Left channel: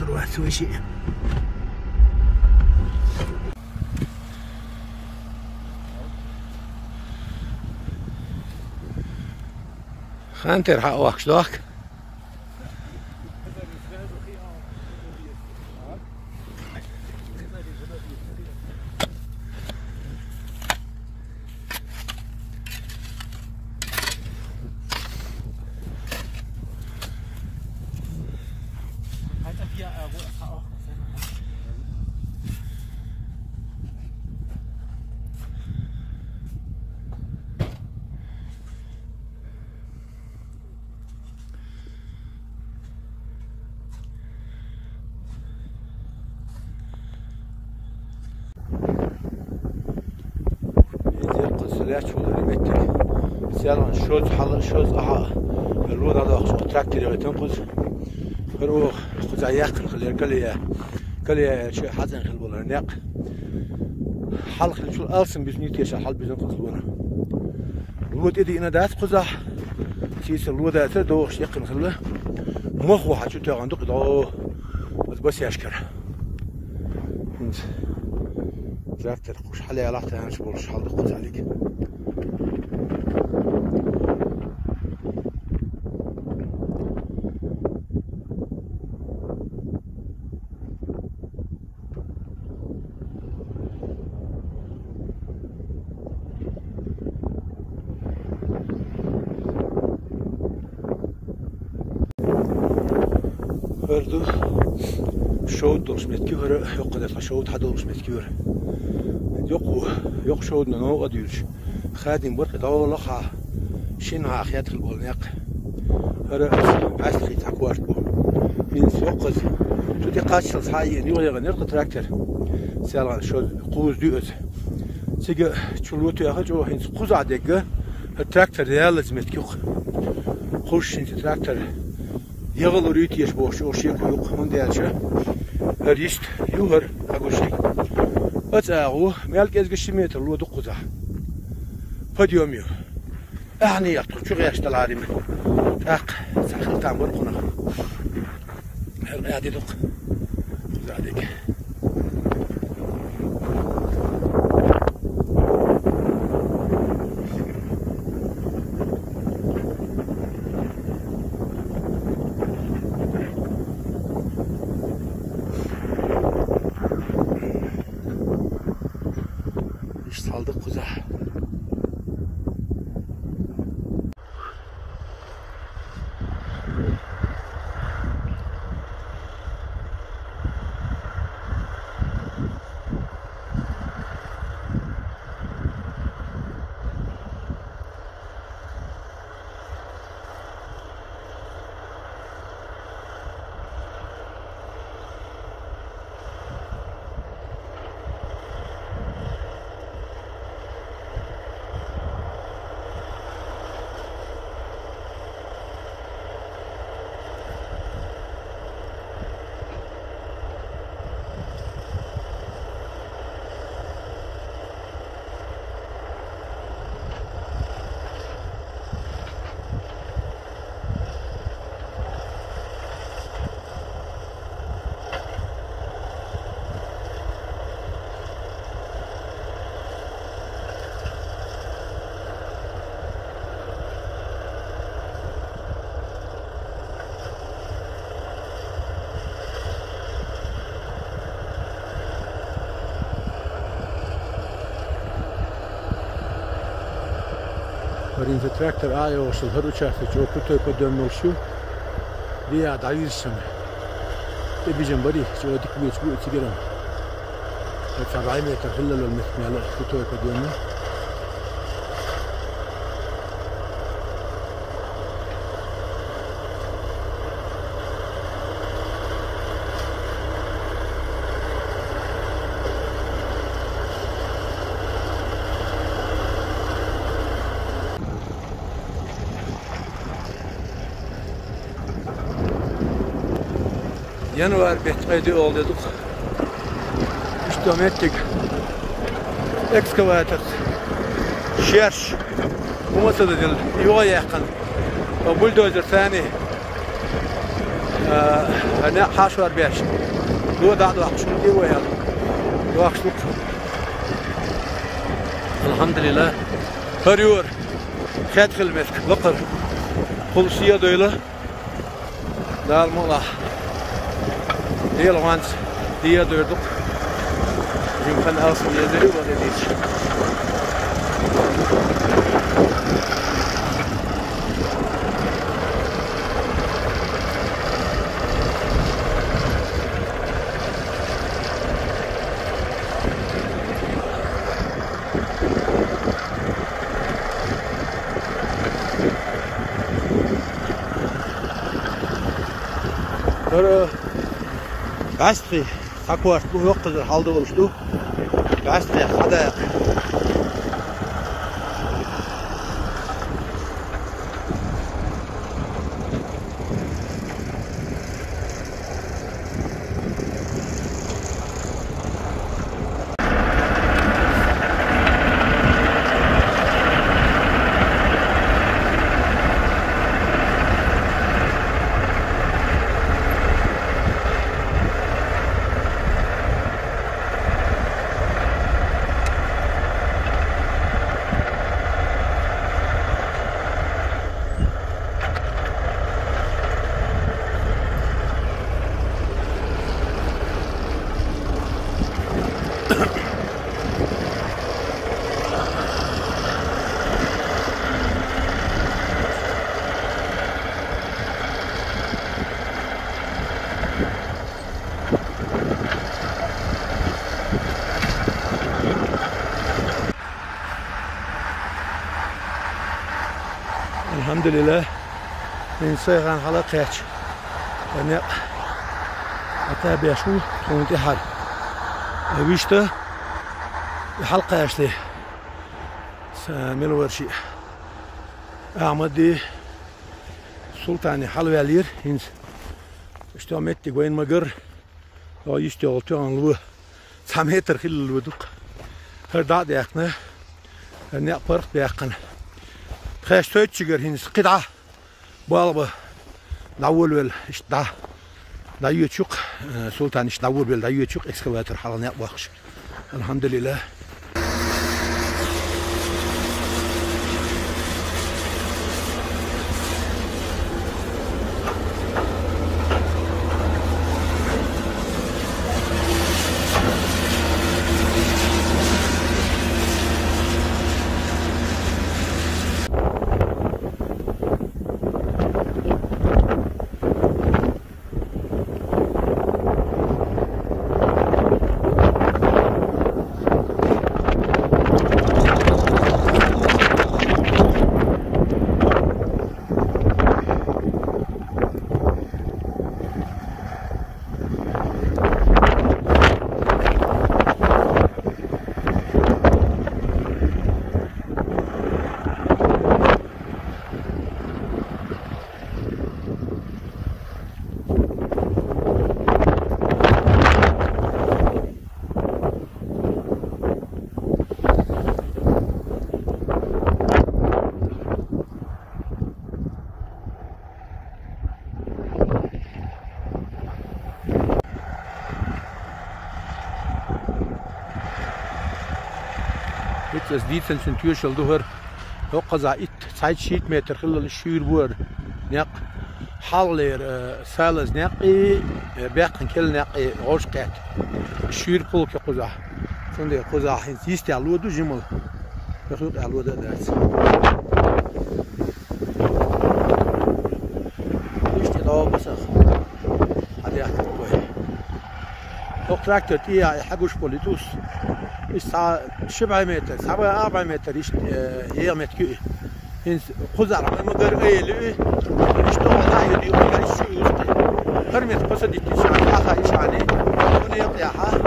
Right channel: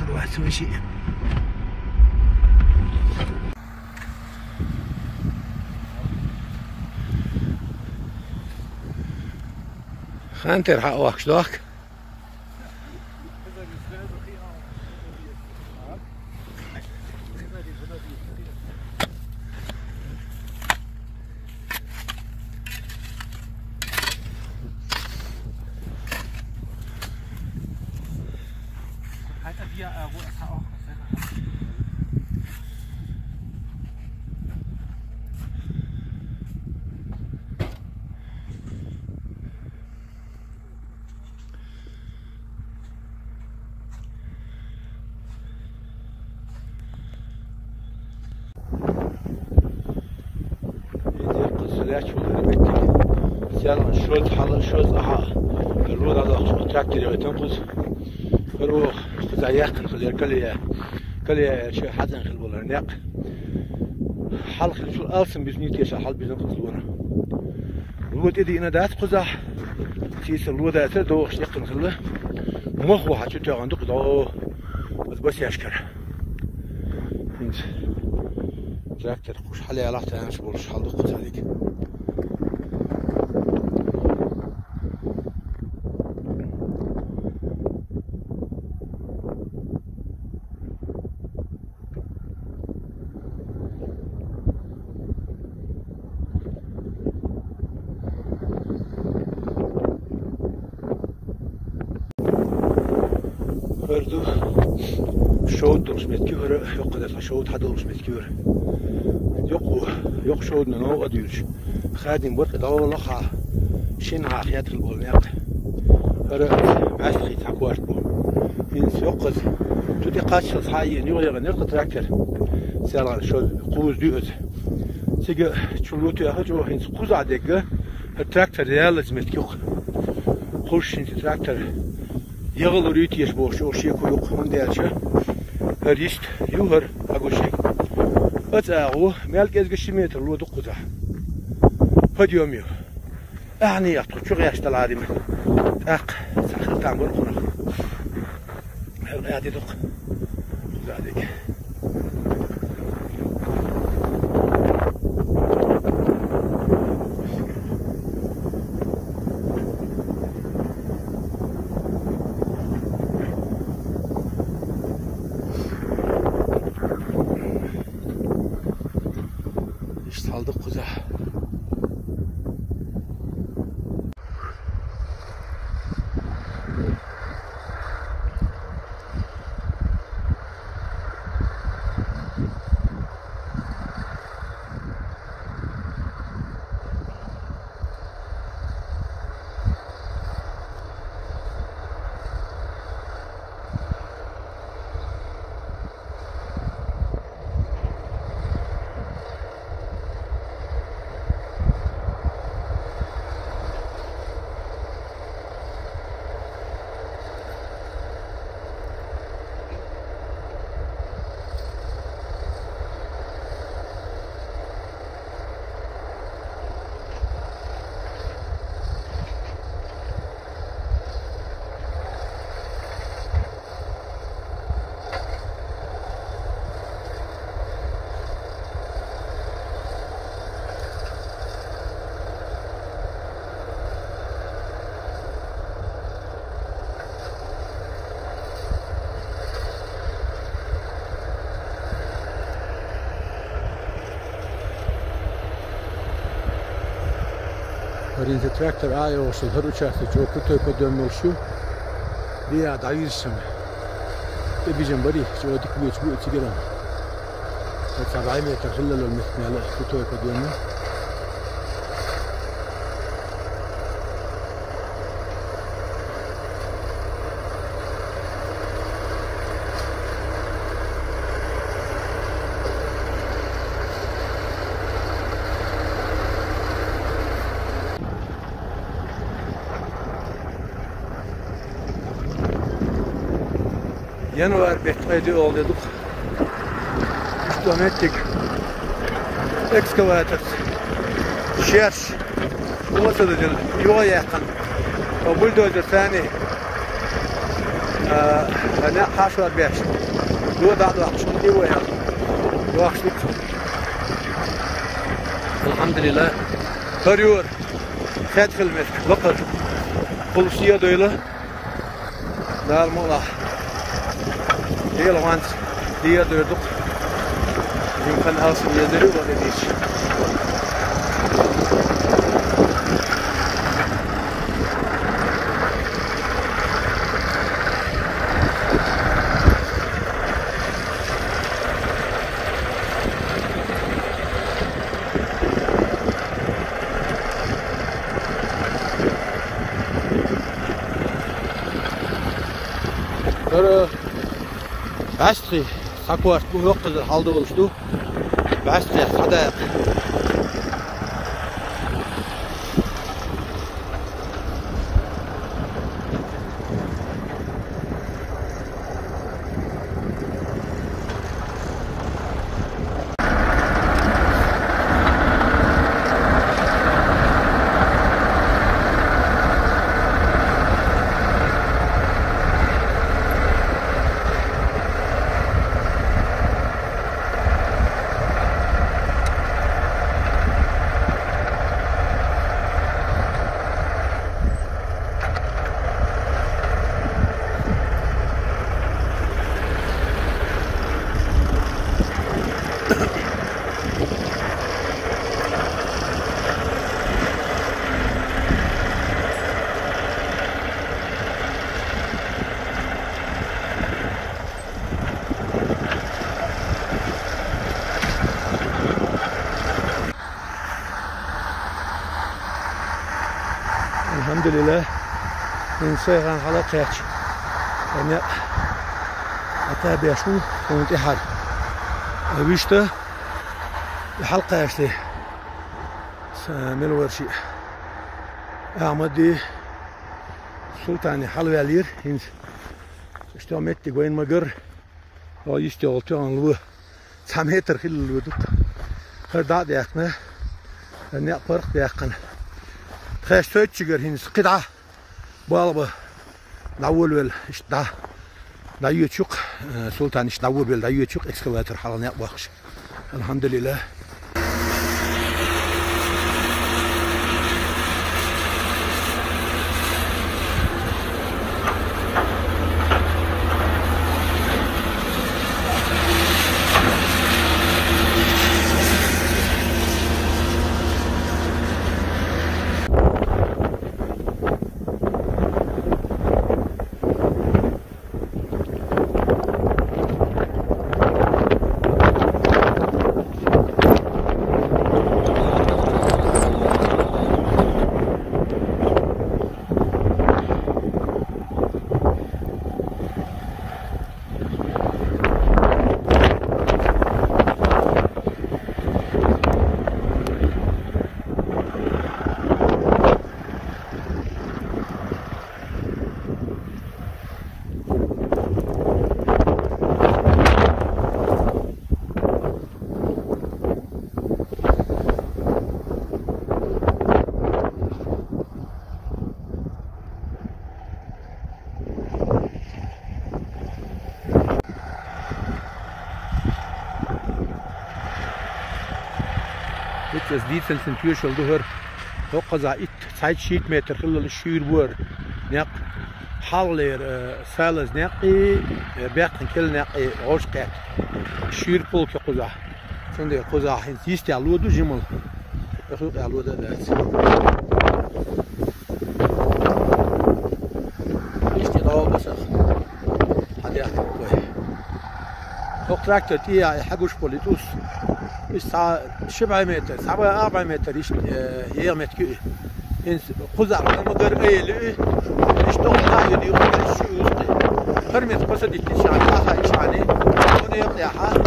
لازم الواحد يسوي شيء. خانتر حق وقت داك لاش ولا بيتي سيالان شوز حل شوز الود هذا تراكتور تنقص روح زيق خلي كلي شيء حزن خل ولا نق حلق شو أرسم بزنيت يش حل بزن خلونا الود إذا أنا داس قزح سيس الود هذا دوخ يقن خله مخ واحد شو تعندك ده بس يشكر انت تراكتور خوش حلي على تانش بولش حل دقت عليك برضو شود درس متكور يقدر شود حد درس متكور يق شود نو أديرش خادم برك داول لخا شنها خيات البولناق هرأت عسلي تحكواش بو إنس يقز تودي قاتش الصحية نيو يغنر تراكتر سيالان شود قوز ديوز سيجا تشلوتو يخرجوا إنس قوز عدقة التراكتر ديالز متكوخ خوش إنس تراكتر يغلو ريتيش بوش أو شيء كلوق من ديالشه هريست يوهر أقولشي أتأغو مالك إزقشي متر لو دقوزه فديوميو أعني يقطع شو غياش تلعاري من أق سخل تعبر قنا هل غادي دق غاديك اشتغلت قزح ورين تراكتور آيو وصل هروشة تجو كتو يقدم ملشو دي عدايز سم تبي جنبري جو ديك بيت بيت تجرم تبعي متر خلل المثنى على كتو يقدم Januar betmedi olduk. İstomettik. Excavator. Şerş. Bu masada değil. Yoğa yakın. O bulldozer ثاني. أنا حاشوا بيش دو دعوة عشان دي ويا دو عشان الحمد لله هريور خد خدمة وقت بوليسية دولة دار مولا ديال وانت ديال دوردق يمكن أصل يزري ولا ديش Bastri takvart bu yok kadar halde oluştu. Bastri hadi. Elhamdülillah insan halakayç. Yani hatta bir şu kontihar. Avişte halka yaşlı. Samil verşi. Ahmedi Sultani halvelir. Hins işte ametti goyn magar. O işte oltu anlı. Sameter khil ودق. Her da yakna. Ne fark yakna. خير سوتشجر هنس قطعة بالبا ناول ويل إيش دا يشوق سلطان إيش ناول ويل دا يشوق إكسكافاتور حالنا يبغاش الحمد لله Das Dienst in Türschel durch Hochza it Zeitschied Meter خلال الشيربور نق حالر سالز نقي باقي كل نقي عشق شير بول كقزا سند قزا هنسيست علود جمل بخلق علود داس استدعاء بس هذا يحكي كوي تراكتور تيا حقوش بوليتوس الساعة 7 متر 4 متر يا متر إنس خزر ما قدر أيه يشتغل لا يدي ولا يشوي وسطي هرمت قصدي تشان آخر إشاني هنا يقطعها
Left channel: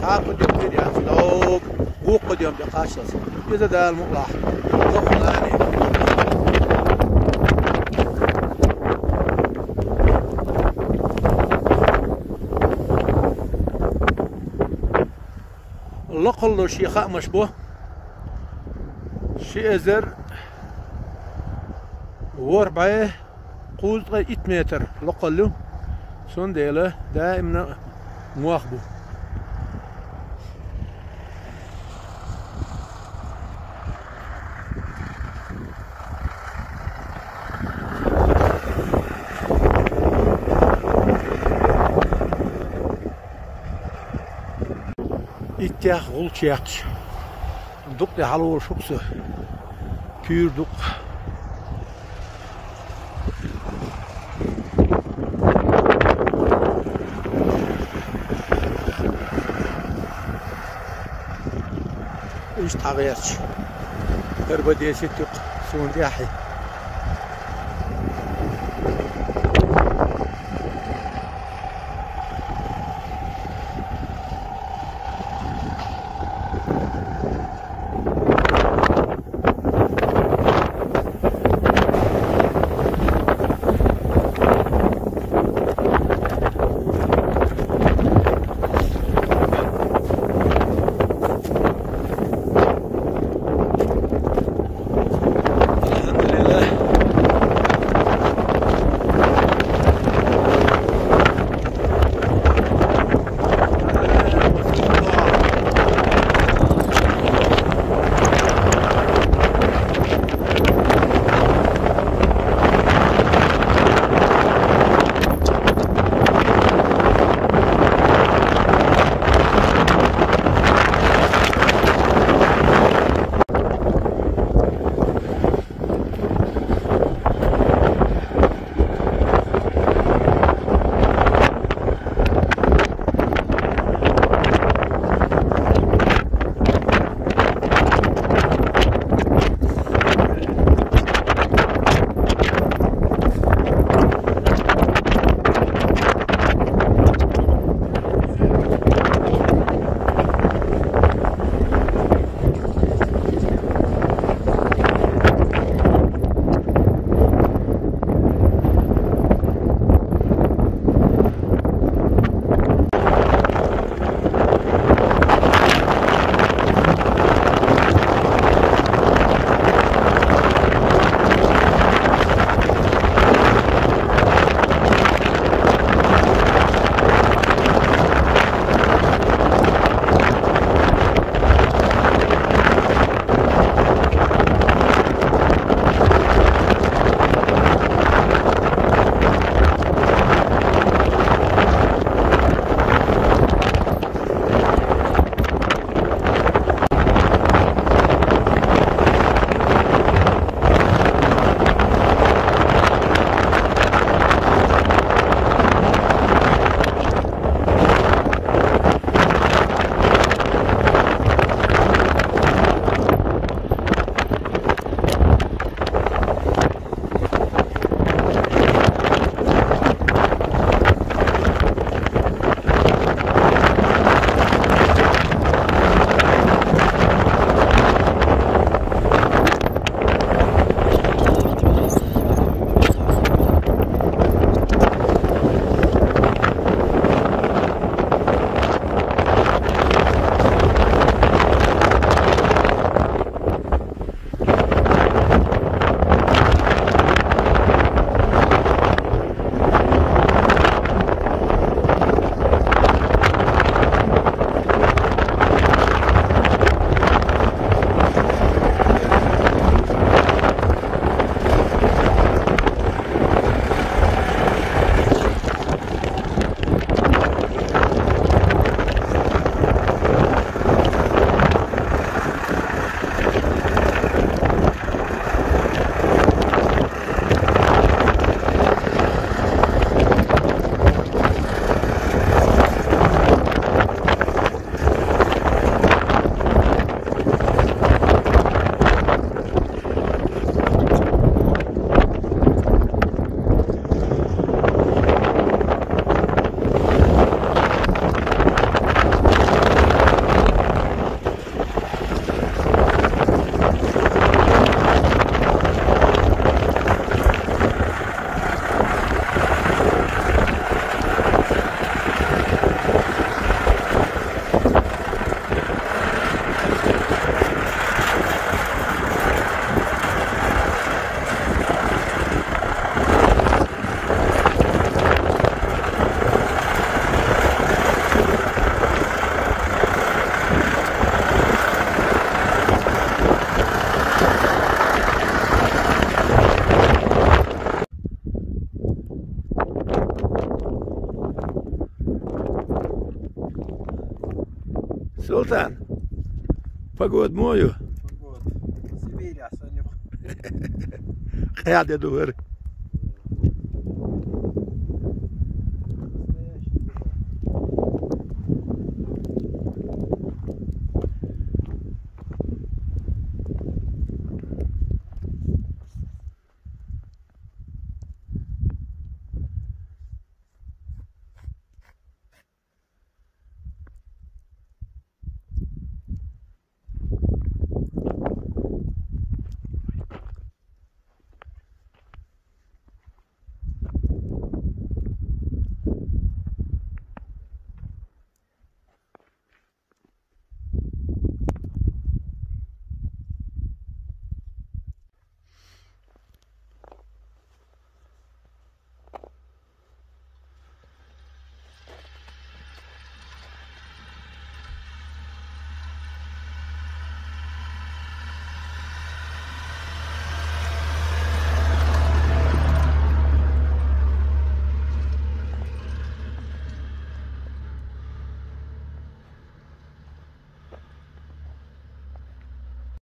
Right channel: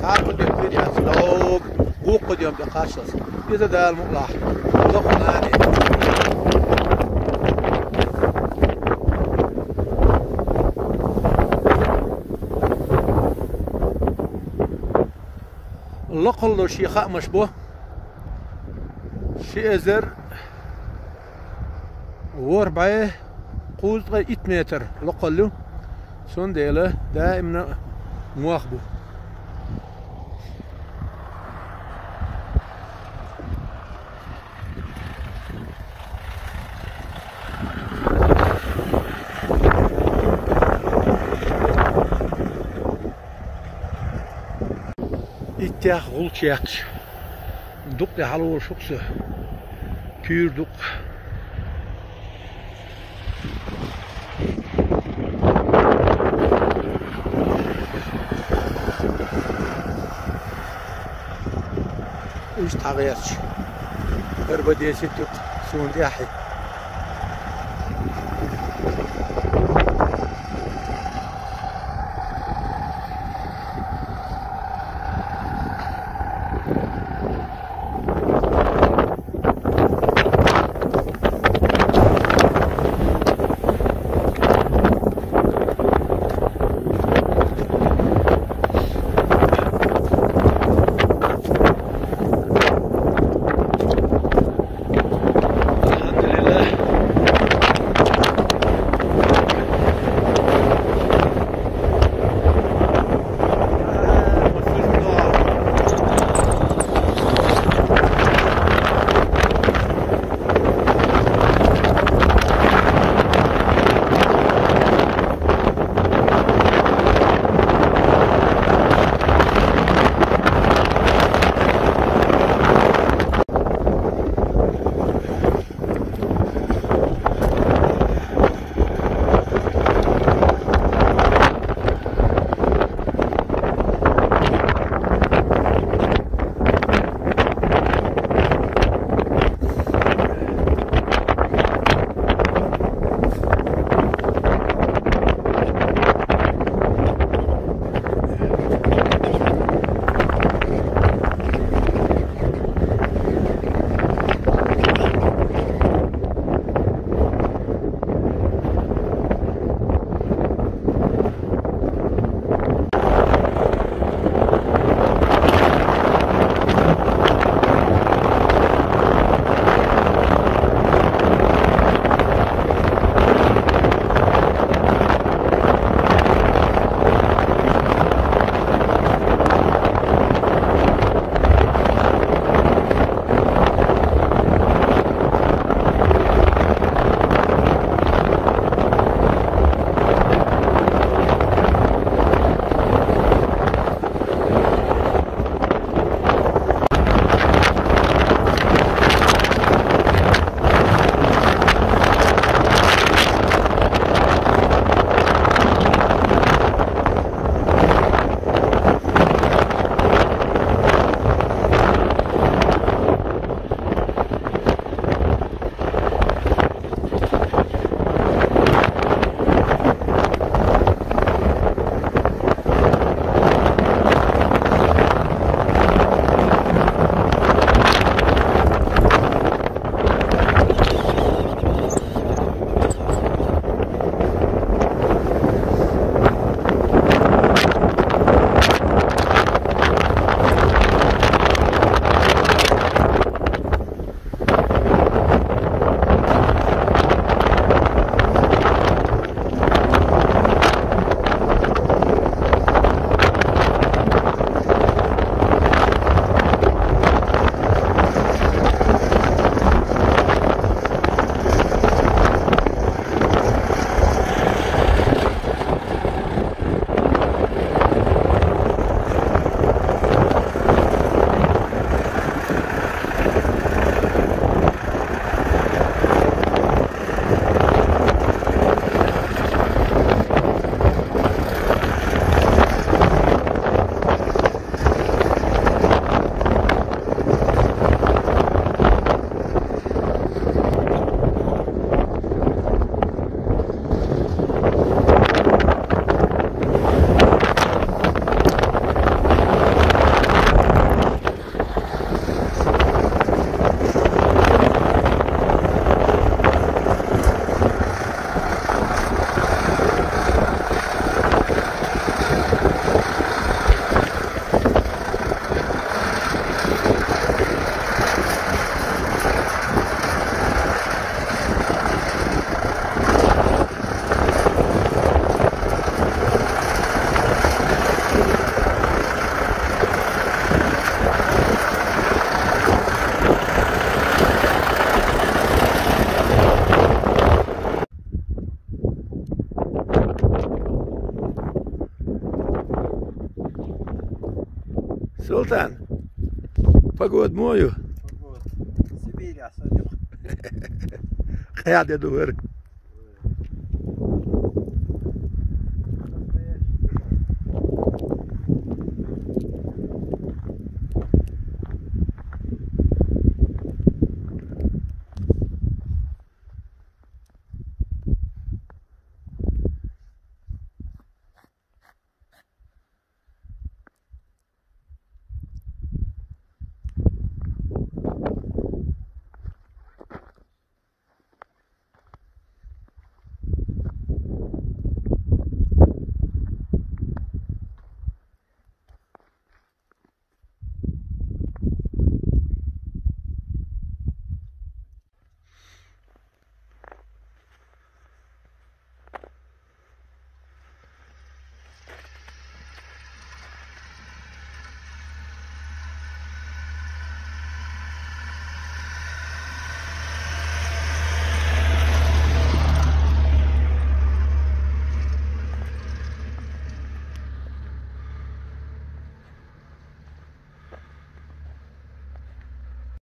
صار قد يقدر يسلوك قو قد يوم بقاشص إذا ده المقلع ضخماني لقل شيخاء مشبوه شيء زر وربعه قوز 8 متر لقله Zo'n delen دائما مواخبه. İttiyaq gul çiyaqç. Duk de halı ol şoksu. Pür duk. إيش تغيرش بربدي ستق سون داحي Sultan, pagod mooju. Sibīrijā saņem. Kāda ir dūri?